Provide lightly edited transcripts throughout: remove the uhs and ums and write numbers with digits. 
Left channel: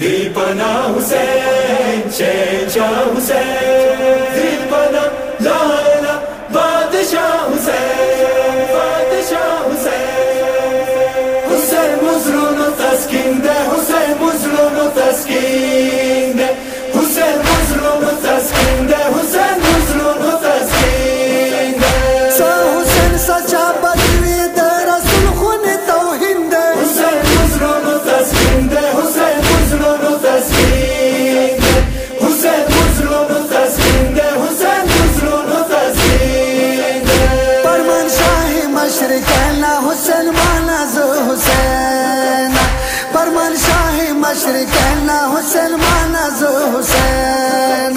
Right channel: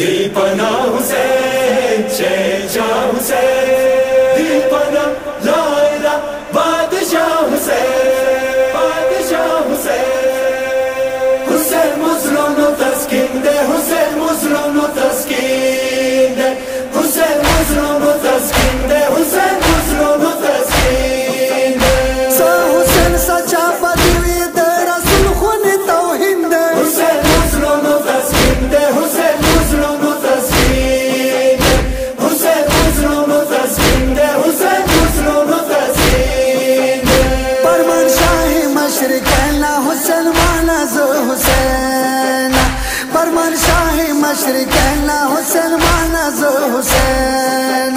दीपना हुसैन शहंशाह हुसैन दीपना लाला बादशाह हुसैन बादशाह हुसैन हुसैन मुजरों तस्कीन दे हुसैन मुजरों तस्कीन दे हुसैन मुजरों तस्कीन दे हुसैन मुजरों तस्कीन दे सा हुसैन सच्चा बदवी दे रसूल खुन तौहीद दे हुसैन मुजरों तस्कीन दे हुसैन मुजरों तस्कीन दे हुसैन मुजरों तस्कीन दे हुसैन मुजरों तस्कीन दे परमान शाही मशरिकैना हुसैन माना जो हुसैन परमान शाही मशरिकैना हुसैन माना जो हुसैन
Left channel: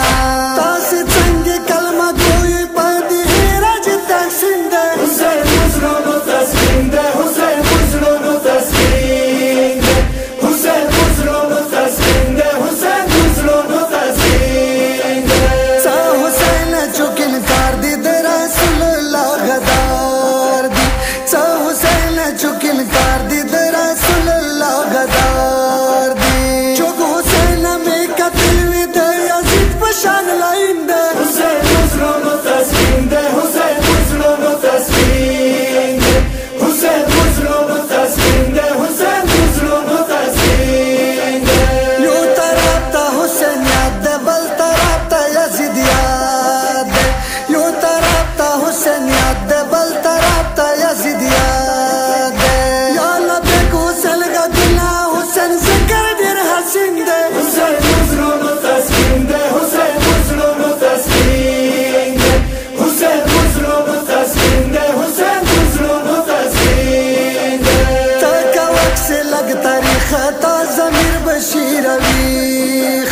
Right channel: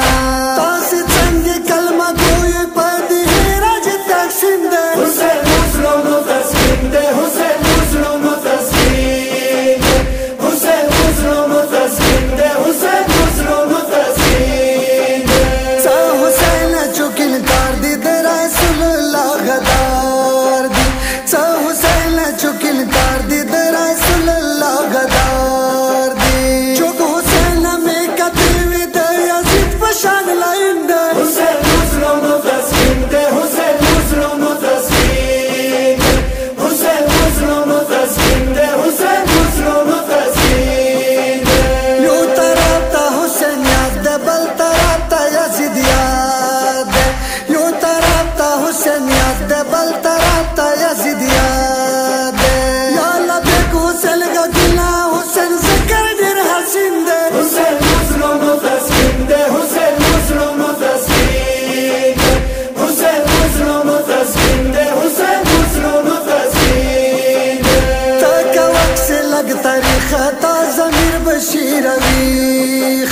तासी चंगी कलमा गोई पदी राज तहसीन दे हुसैन मुजरों तस्कीन दे हुसैन मुजरों तस्कीन दे हुसैन मुजरों तस्कीन दे हुसैन मुजरों तस्कीन दे सा हुसैन चुकिन कार दी दे रसूलुल्लाह गदार दी सा हुसैन चुकिन कार दी दे रसूलुल्लाह गदार दी चुक हुसैन में कतिल we they Yazid पशान line they Hussain मुजरों तस्कीन दे हुसैन मुजरों तस्कीन दे हुसैन मुजरों तस्कीन दे हुसैन मुजरों तस्कीन दे यो तरफता हुसैन याद दे बल तरफता यजीद याद दे यो तरफता हुसैन याद दे बल तरफता यजीद याद दे या लबेक हुसैन का गुनाह हुसैन जिक्र दिर हसीन दे हुसैन मुजरों तस्कीन दे हुसैन मुजरों तस्कीन दे हुसैन मुजरों तस्कीन दे हुसैन मुजरों तस्कीन दे ताका वक्त से लग तारीखा ता ज़मीर बशीर अवीख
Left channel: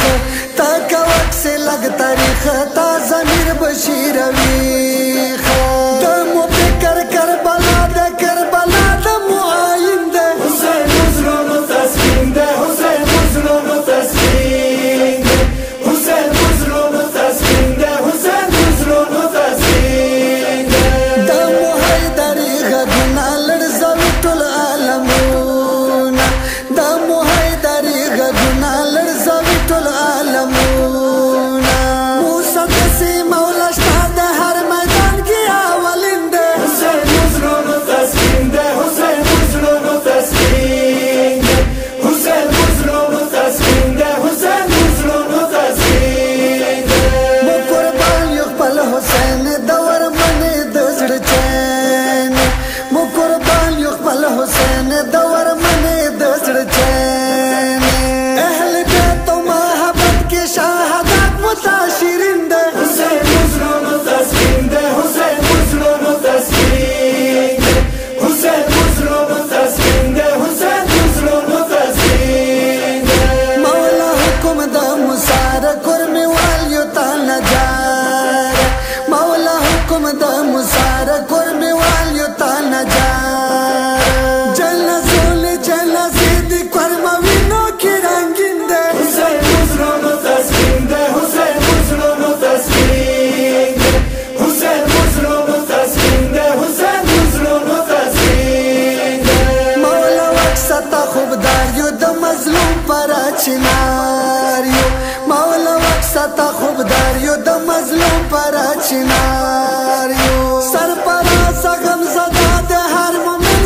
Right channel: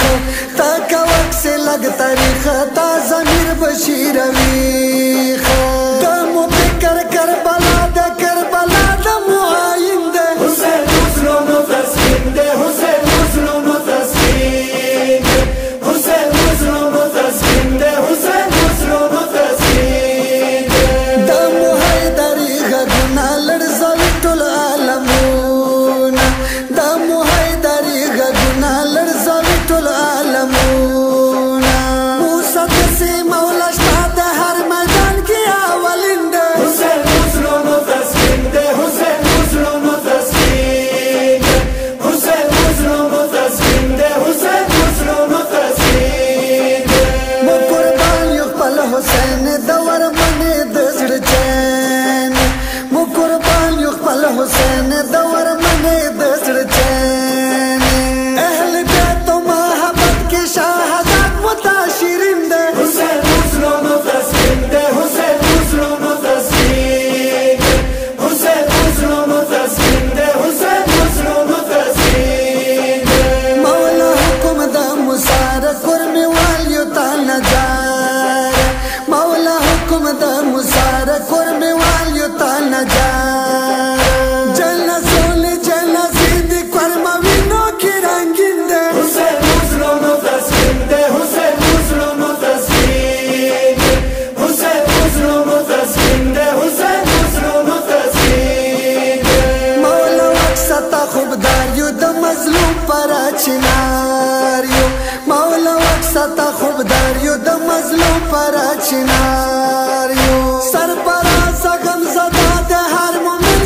ताका वक्त से लग तारीखा ता ज़मीर बशीर अवीख दमो पे कर करबला द मुआइन दे हुसैन मुजरों तस्कीन दे हुसैन मुजरों तस्कीन दे हुसैन मुजरों तस्कीन दे हुसैन मुजरों तस्कीन दे दमो हैदरी गुना लड़ज़वी टुल आलमूना दमो हैदरी गुना लड़ज़वी टुल आलमूना मूसा दसी मौला शताद हर मैदान की आवलिंदे हुसैन मुजरों तस्कीन दे हुसैन मुजरों तस्कीन दे हुसैन मुजरों तस्कीन दे हुसैन मुजरों तस्कीन दे मो कुर्बान युगपल हुसैन दवर मने दजड़ चैन मो कुर्बान युगपल हुसैन दवर मने दजड़ चैन अहल बैतो मोहब्बत की शहादत मुताशिरिन दे हुसैन मुजरों तस्कीन दे हुसैन मुजरों तस्कीन दे हुसैन मुजरों तस्कीन दे हुसैन मुजरों तस्कीन दे मौला हुकुम द मुसार कुर्मी वालियो ताना जार मौला हुकुम द मुसार कुर्मी वालियो ताना जार जन्ना सोने जन्ना जीद कर्मा विनो की रंगीन दे हुसैन मुजरों तस्कीन दे हुसैन मुजरों तस्कीन दे हुसैन मुजरों तस्कीन दे हुसैन मुजरों तस्कीन दे मौला वक्सता खुबदारियो द मजलूम पर चिनारियो मौला वक्सता खुबदारियो द मजलूम पर चिनारियो सरपराज गम ज़दा दे हर मोमिन